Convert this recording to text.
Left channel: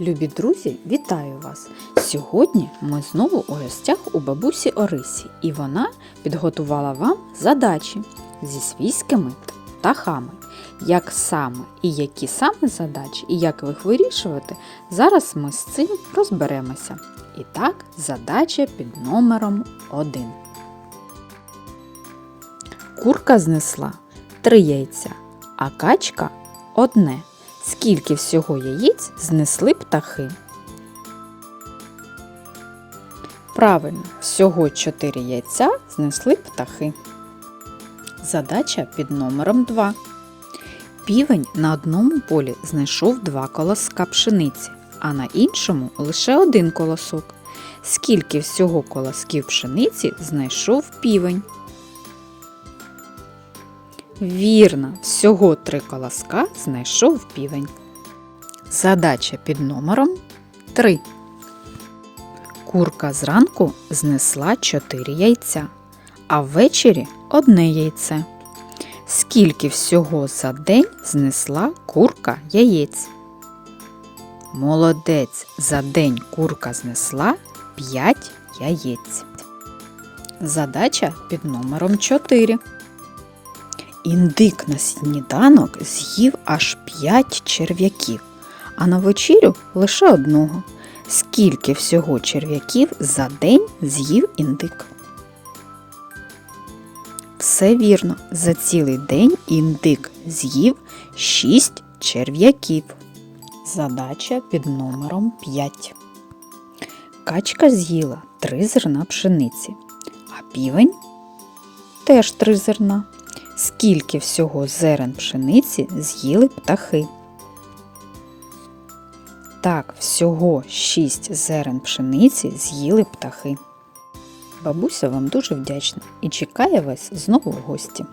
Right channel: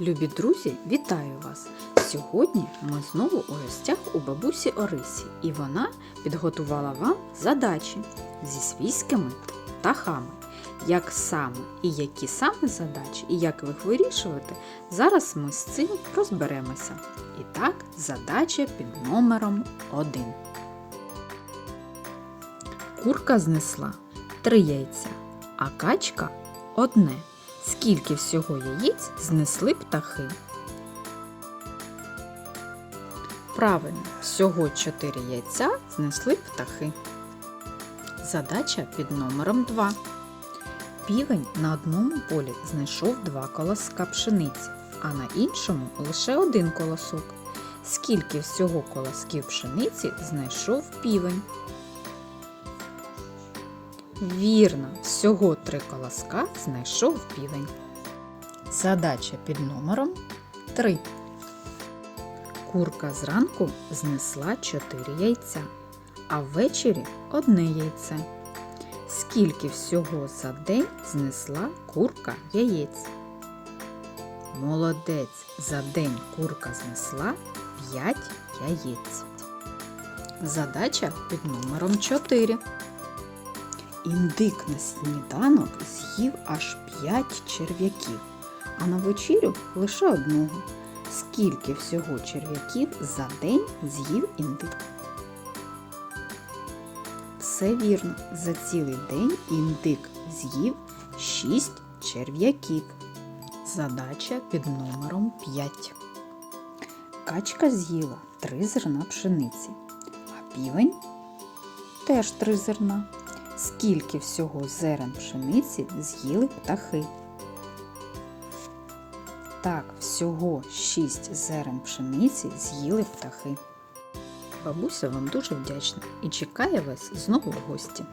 Любі друзі, вітаю вас! Сьогодні ми знову у гостях у бабусі Орисі, і вона підготувала вам задачі зі свійськими птахами. Як саме і які саме задачі, і як їх вирішувати, зараз ми з цим розберемося. І так, задача під номером 1. Курка знесла три яйця, а качка одне. Скільки всього яєць знесли птахи? Правильно, всього 4 яйця знесли птахи. Задача під номером 2. Півень на одному полі знайшов два колоска пшениці, а на іншому лише один колосок. Скільки всього колосків пшениці знайшов півень? Вірно, всього три колоска знайшов півень. Задача під номером 3. Курка зранку знесла 4 яйця, а ввечері одне яйце. Скільки всього за день знесла курка яєць? Молодець, за день курка знесла 5 яєць. Задача під номером 4. Індик на сніданок з'їв аж п'ять черв'яків, а на вечерю лише одного. Скільки всього черв'яків за день з'їв індик? Все вірно, за цілий день індик з'їв 6 черв'яків. Задача під номером 5. Качка з'їла 3 зерна пшениці, а півень теж 3 зерна. Скільки всього зерен пшениці з'їли птахи? Так, всього 6 зерен пшениці з'їли птахи. Бабуся вам дуже вдячна і чекає вас знову в гості.